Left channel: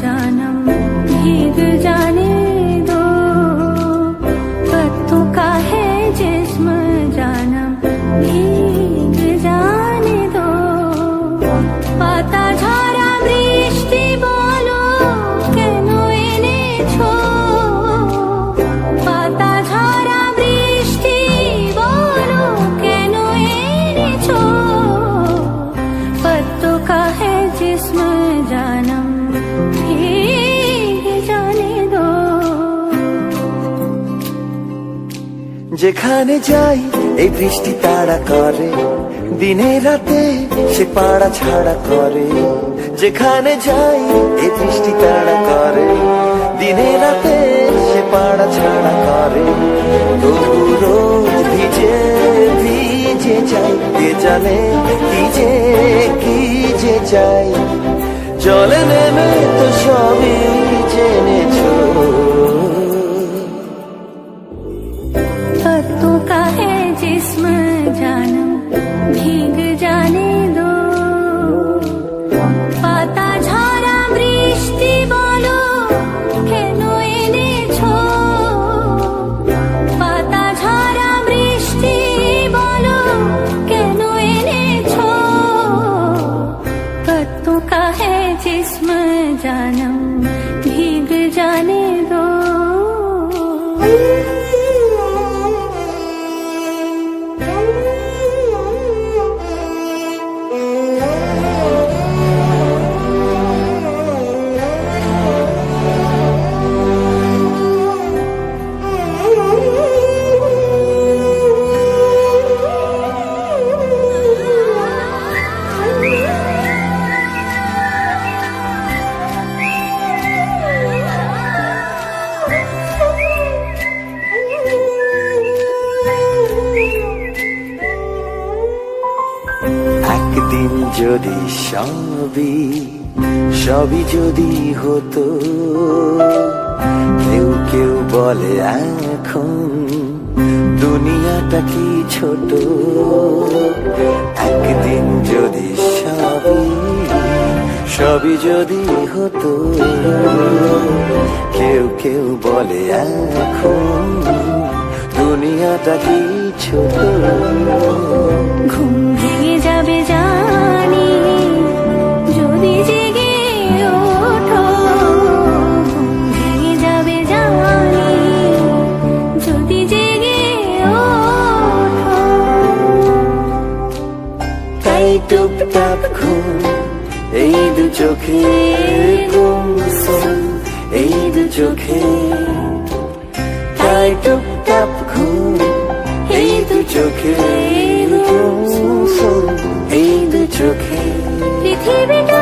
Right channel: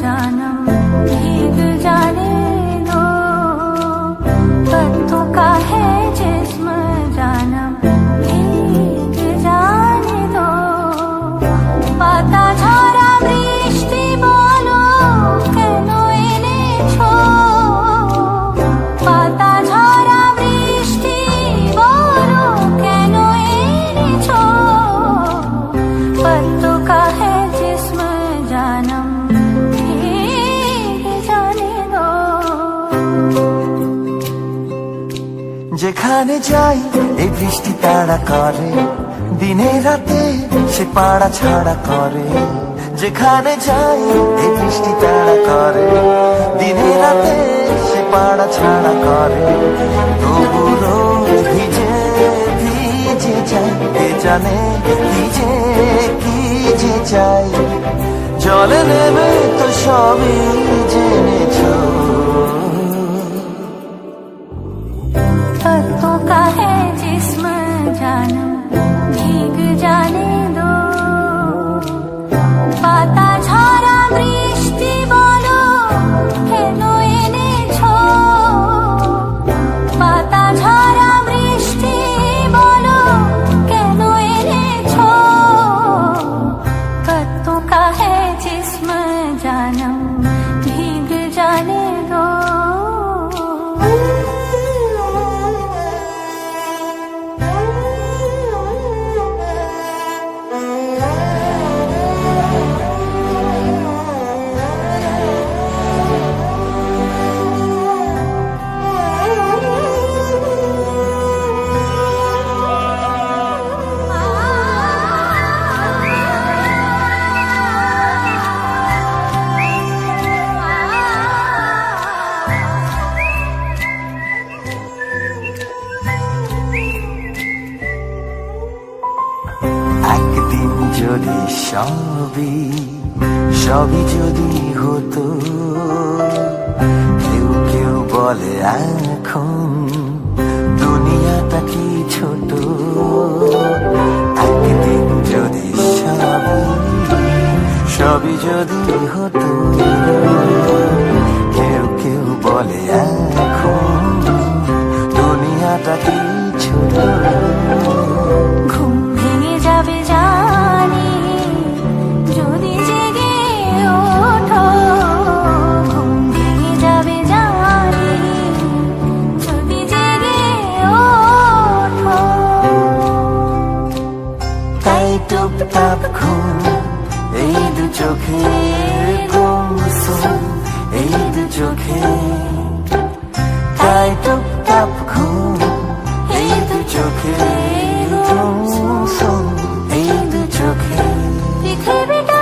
जानम भीग जाने दो, पत्तों का है जिस्म जानम भीग जाने दो। पाता झरा বৃষ্টি বলো কেন এনেছো, পাতা ঝরা বৃষ্টি বলো কেন এনেছো। पत्तों का है जिस्म जानम भीग जाने दो। যেখানে যাই এই বৃষ্টি তাড়া করে, দিনে রাতে সে পাড়া ছাড়া করে। যেখানে যাই এই বৃষ্টি তাড়া করে, দিনে রাতে সে পাড়া ছাড়া করে। তবু রোজ ভিজে ভিজে যাই, কে জানে কি যে চাই। জলে নেমে তো সবই জেনেছো। पत्तों का है जिस्म जानम भीग जाने दो, पाता झरा বৃষ্টি বলো কেন এনেছো। পাতা ঝরা বৃষ্টি বলো কেন এনেছো। पत्तों का है जिस्म जानम भीग जाने दो। একদিন যদি সবই যদি হতো, কেউ কেউ বলে এখন দুনিয়াটা কি ছোট। একদিন যদি সবই যদি হতো, কেউ কেউ বলে এখন দুনিয়াটা কি ছোট। ঘুম ভেঙে যাবে জানি যদি জেগে ওঠো, ঘুম ভেঙে যাবে জানি যদি জেগে ওঠো। তাই টুপটাপ ঘুম এই দু চোখে গুমসুম, এই দু চোখে। তাই টুপটাপ ঘুম এই দু চোখে গুমসুম, এই দু চোখে। পৃথিবীটা